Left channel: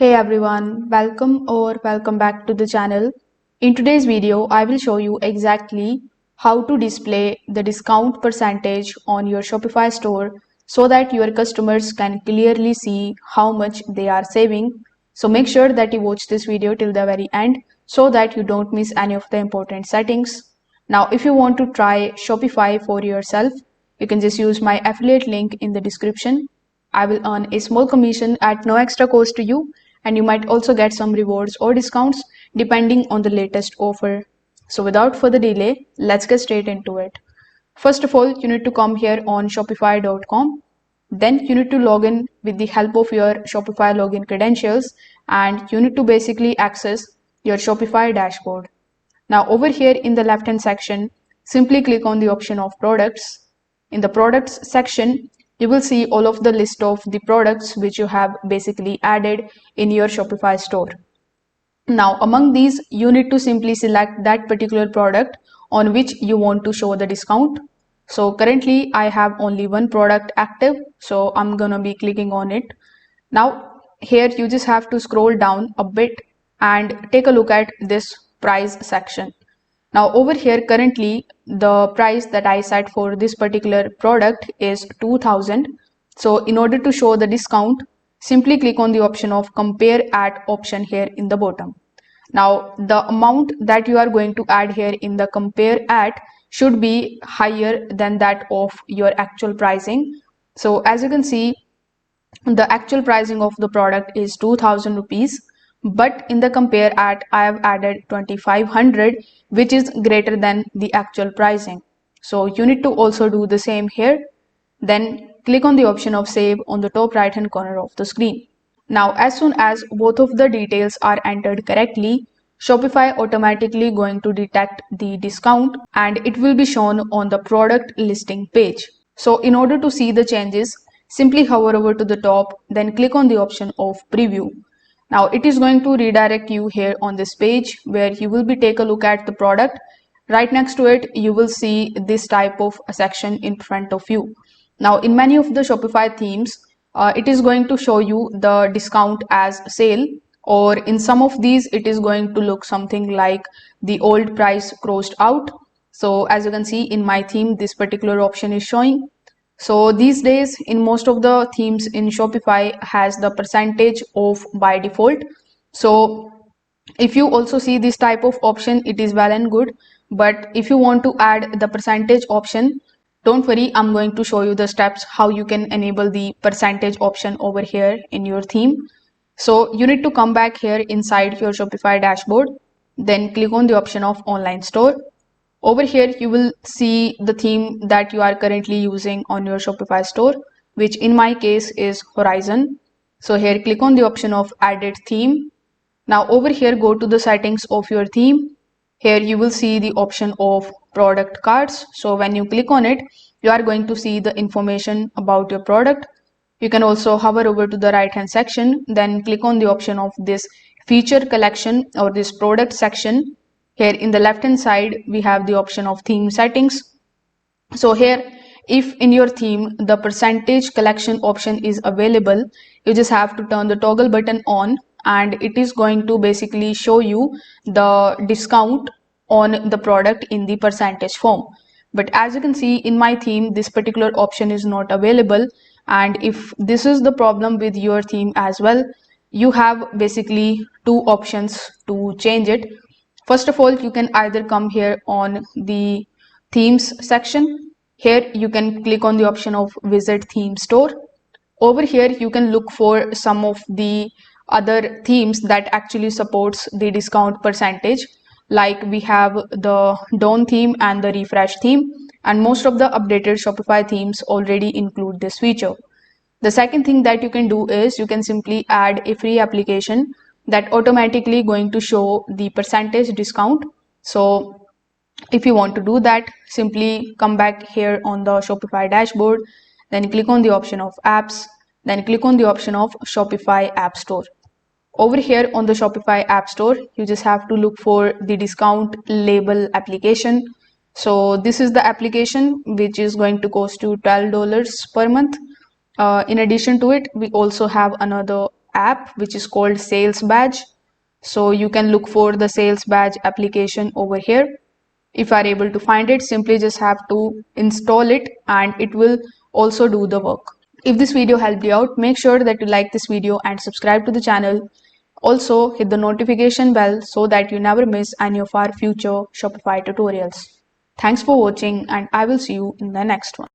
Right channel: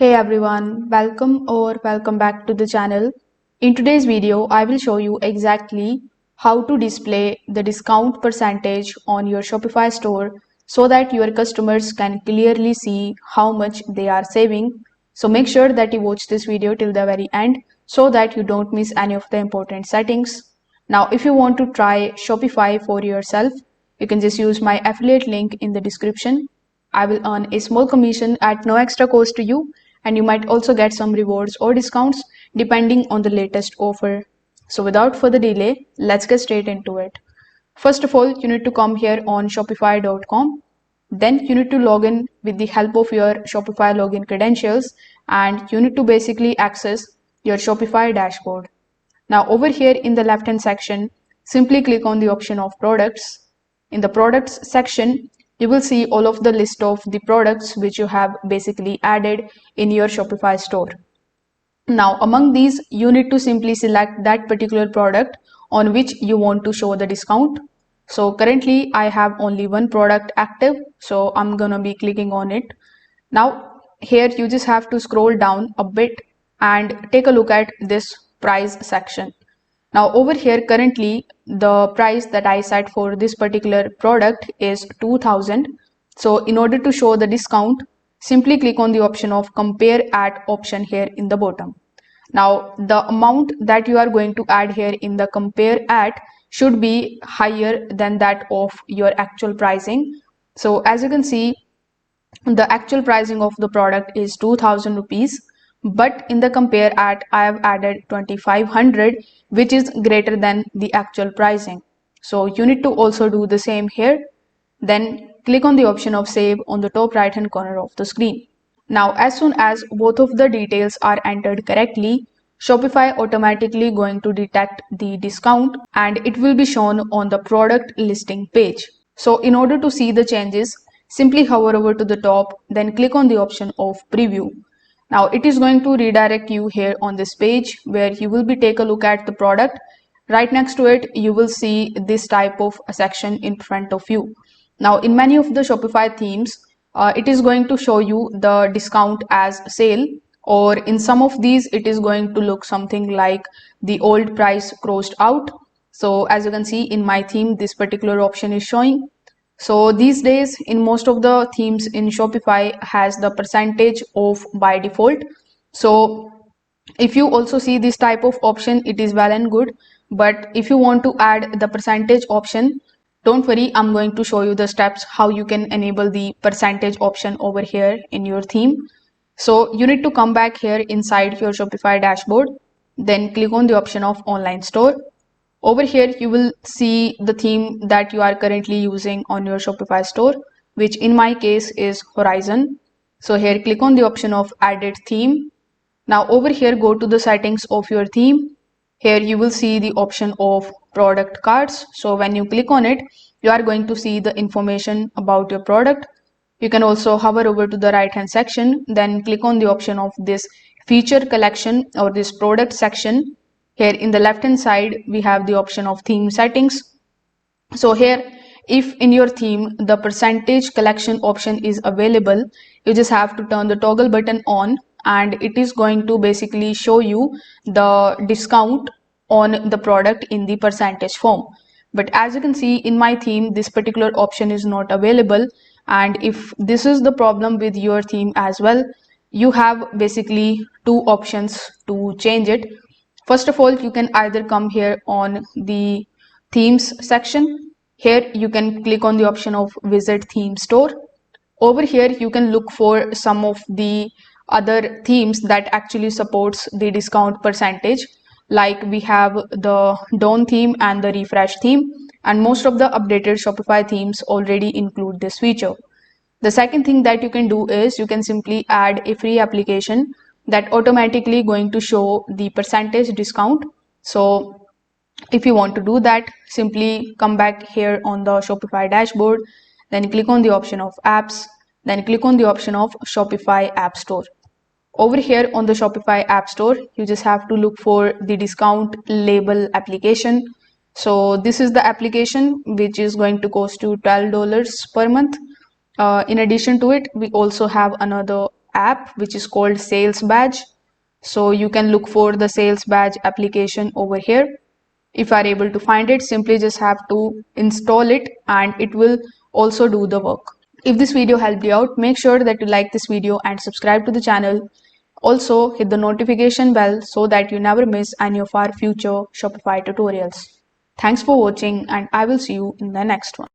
Hey everyone, welcome back to the channel. In today's video, I will show you exactly how to display the discount percentage on your Shopify store so that your customers can clearly see how much they are saving. So make sure that you watch this video till the very end so that you don't miss any of the important settings. Now, if you want to try Shopify for yourself, you can just use my affiliate link in the description. I will earn a small commission at no extra cost to you, and you might also get some rewards or discounts depending on the latest offer. So, without further delay, let's get straight into it. First of all, you need to come here on Shopify.com. Then you need to log in with the help of your Shopify login credentials, and you need to basically access your Shopify dashboard. Now over here in the left hand section, simply click on the option of products. In the products section, you will see all of the list of the products which you have basically added in your Shopify store. Now among these, you need to simply select that particular product on which you want to show the discount. So currently I have only one product active, so I'm gonna be clicking on it. Now here you just have to scroll down a bit and take a look at this price section. Now over here currently the price that I set for this particular product is 2000. So in order to show the discount, simply click on the option of compare at option here in the bottom. Now the amount that you are going to add here in the compare at should be higher than that of your actual pricing. So as you can see, the actual pricing of the product is 2000 rupees, but in the compare at I have added 2500, which is greater than the actual pricing. So you need to also do the same here. Then click on the option of save on the top right hand corner of the screen. Now as soon as both of the details are entered correctly, Shopify automatically going to detect the discount and it will be shown on the product listing page. So in order to see the changes, simply hover over to the top, then click on the option of preview. Now it is going to redirect you here on this page where you will be take a look at the product. Right next to it, you will see this type of section in front of you. Now in many of the Shopify themes, it is going to show you the discount as sale, or in some of these it is going to look something like the old price crossed out. So as you can see in my theme, this particular option is showing. So these days in most of the themes in Shopify has the percentage off by default. So if you also see this type of option, it is well and good. But if you want to add the percentage option, don't worry, I'm going to show you the steps how you can enable the percentage option over here in your theme. So you need to come back here inside your Shopify dashboard, then click on the option of online store. Over here, you will see the theme that you are currently using on your Shopify store, which in my case is Horizon. So here, click on the option of added theme. Now over here, go to the settings of your theme. Here you will see the option of product cards. So when you click on it, you are going to see the information about your product. You can also hover over to the right hand section, then click on the option of this feature collection or this product section. Here in the left hand side, we have the option of theme settings. So here, if in your theme, the percentage collection option is available, you just have to turn the toggle button on and it is going to basically show you the discount on the product in the percentage form. But as you can see in my theme, this particular option is not available. And if this is the problem with your theme as well, you have basically two options to change it. First of all, you can either come here on the themes section. Here you can click on the option of visit theme store. Over here you can look for some of the other themes that actually supports the discount percentage, like we have the Dawn theme and the refresh theme, and most of the updated Shopify themes already include this feature. The second thing that you can do is you can simply add a free application that automatically going to show the percentage discount. So if you want to do that, simply come back here on the Shopify dashboard, then click on the option of apps, then click on the option of Shopify App Store. Over here on the Shopify App Store, you just have to look for the discount label application. So this is the application which is going to cost you $12 per month. In addition to it, we also have another app which is called Sales Badge. So you can look for the Sales Badge application over here. If you are able to find it, simply just have to install it and it will also do the work. If this video helped you out, make sure that you like this video and subscribe to the channel. Also, hit the notification bell so that you never miss any of our future Shopify tutorials. Thanks for watching and I will see you in the next one.